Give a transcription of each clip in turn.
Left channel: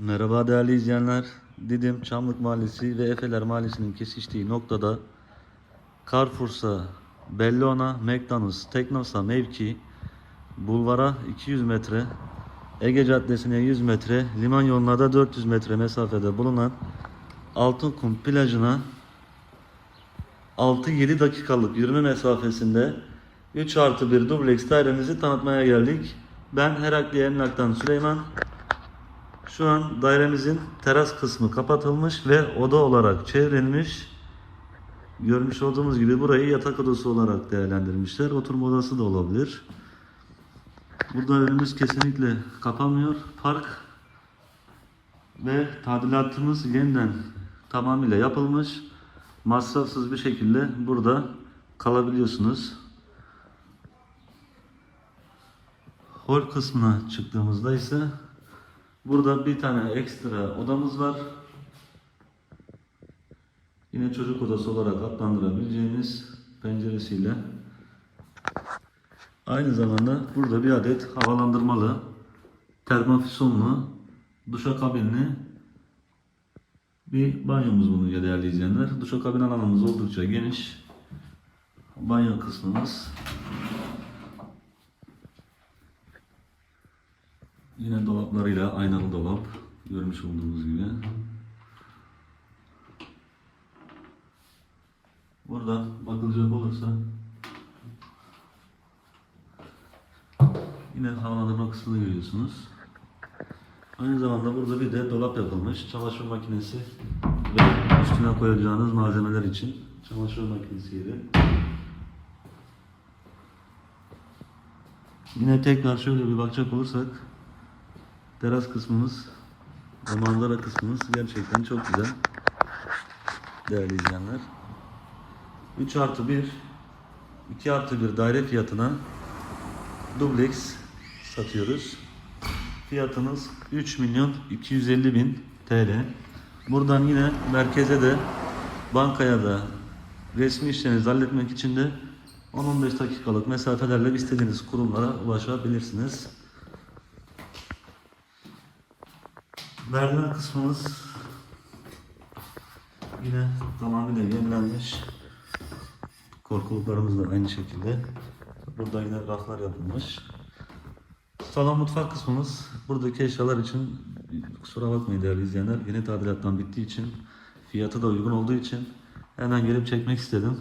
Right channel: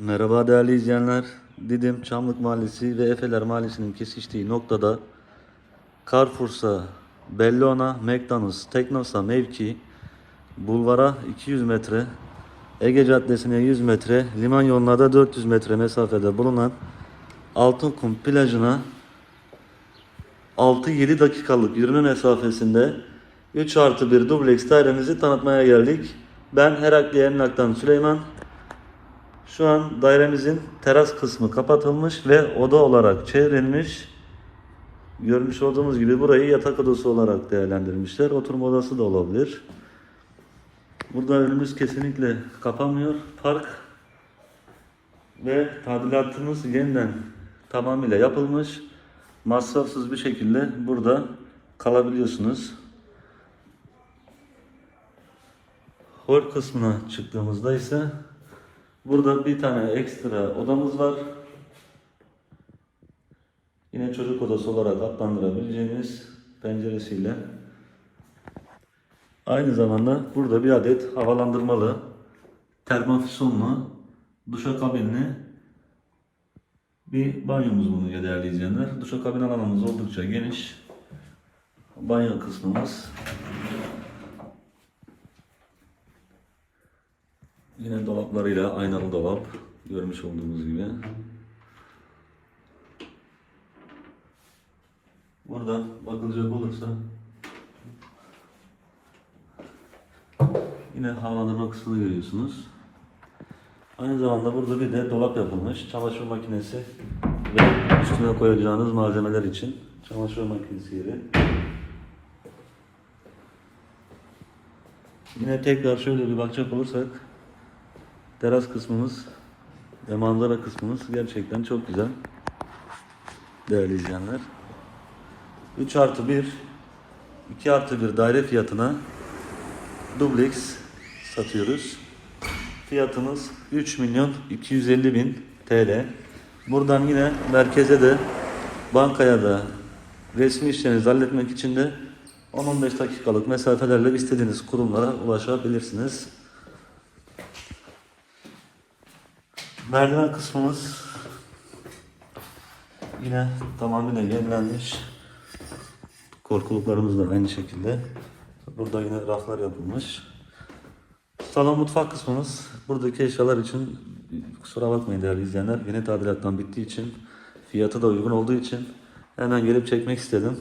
Merhaba değerli izleyenler. Didim Çamlık Mahallesi ve Efeler Mahallesi'nin kesiştiği noktada Carrefour'sa, Bellona, McDonald's, Teknosa mevki, Bulvara 200 metre, Ege Caddesi'ne 100 metre, liman yoluna da 400 metre mesafede bulunan Altınkum plajına 6-7 dakikalık yürüme mesafesinde 3 artı 1 dubleks dairemizi tanıtmaya geldik. Ben Herakli Emlak'tan Süleyman. Şu an dairemizin teras kısmı kapatılmış ve oda olarak çevrilmiş. Görmüş olduğumuz gibi burayı yatak odası olarak değerlendirmişler. Oturma odası da olabilir. Burada önümüz kesinlikle kapanmıyor. Park ve tadilatımız yeniden tamamıyla yapılmış. Masrafsız bir şekilde burada kalabiliyorsunuz. Hol kısmına çıktığımızda ise burada bir tane ekstra odamız var. Yine çocuk odası olarak adlandırabileceğimiz penceresiyle. Aynı zamanda burada bir adet havalandırmalı, termofüzyonlu, duşakabinli bir banyomuz bulunuyor değerli izleyenler. Duşakabin alanımız oldukça geniş. Banyo kısmımız. Yine dolaplarıyla aynalı dolap görmüş olduğumuz gibi. Burada bakılacak olursa yine havalandırma kısmını görüyorsunuz. Aynı zamanda burada bir de dolap yapılmış. Çamaşır makinesi ve üstüne koyacağınız malzemeler için çamaşır makinesi yeri. Yine tekrar şöyle bir bakacak olursak teras kısmımız ve manzara kısmımız gerçekten çok güzel. Değerli izleyenler. 3 artı 1 2 artı 1 daire fiyatına dubleks satıyoruz. Fiyatımız 3 milyon 250 bin TL. Buradan yine merkeze de bankaya da resmi işlerinizi halletmek için de 10-15 dakikalık mesafelerle istediğiniz kurumlara ulaşabilirsiniz. Merdiven kısmımız yine tamamıyla yenilenmiş. Korkuluklarımız da aynı şekilde. Burada yine raflar yapılmış. Salon mutfak kısmımız. Buradaki eşyalar için kusura bakmayın değerli izleyenler. Yeni tadilattan bittiği için fiyatı da uygun olduğu için hemen gelip çekmek istedim.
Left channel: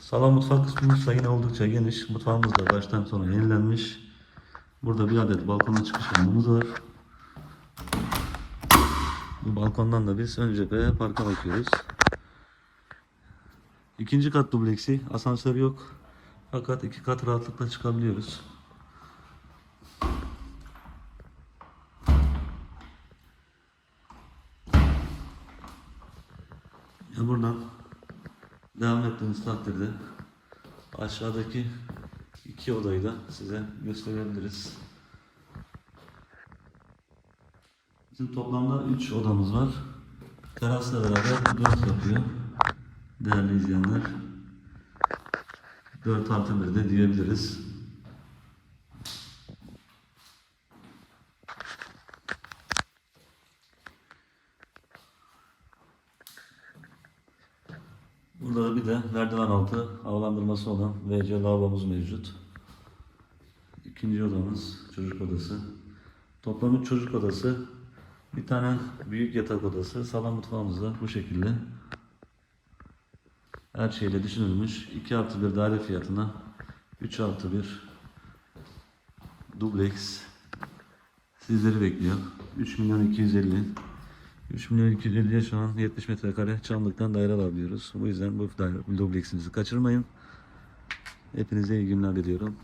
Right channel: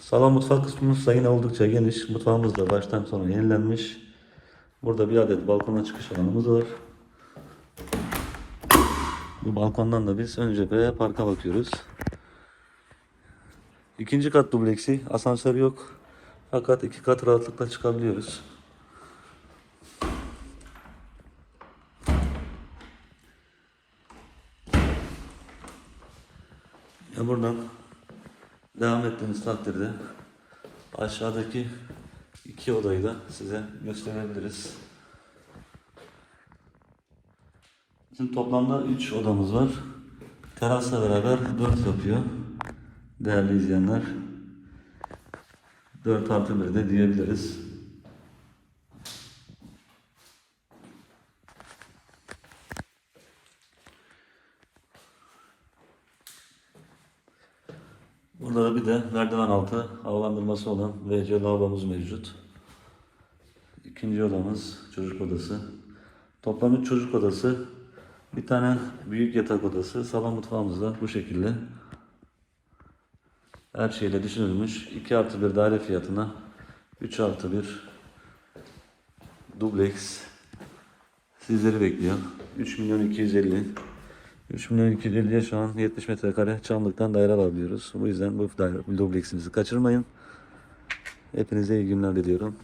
Salon mutfak kısmımız da yine oldukça geniş. Mutfağımız da baştan sona yenilenmiş. Burada bir adet balkona çıkış alanımız var. Bu balkondan da biz ön cepheye parka bakıyoruz. İkinci kat dubleksi. Asansör yok. Fakat iki kat rahatlıkla çıkabiliyoruz. Ya buradan devam ettiğimiz takdirde aşağıdaki iki odayı da size gösterebiliriz. Bizim toplamda 3 odamız var. Terasla beraber 4 yapıyor. Değerli izleyenler. 4 artı 1 de diyebiliriz. Burada da bir de merdiven altı havalandırması olan WC lavabomuz mevcut. İkinci odamız çocuk odası. Toplam üç çocuk odası, bir tane büyük yatak odası, salon mutfağımız da bu şekilde. Her şeyle düşünülmüş. 2 artı 1 daire fiyatına 3 artı 1 dubleks sizleri bekliyor. 3 milyon 250 3 milyon 250'ye şu an 70 metrekare Çamlık'tan daire alabiliyoruz. Bu yüzden bu daire, bu dubleksimizi kaçırmayın. Hepinize iyi günler diliyorum.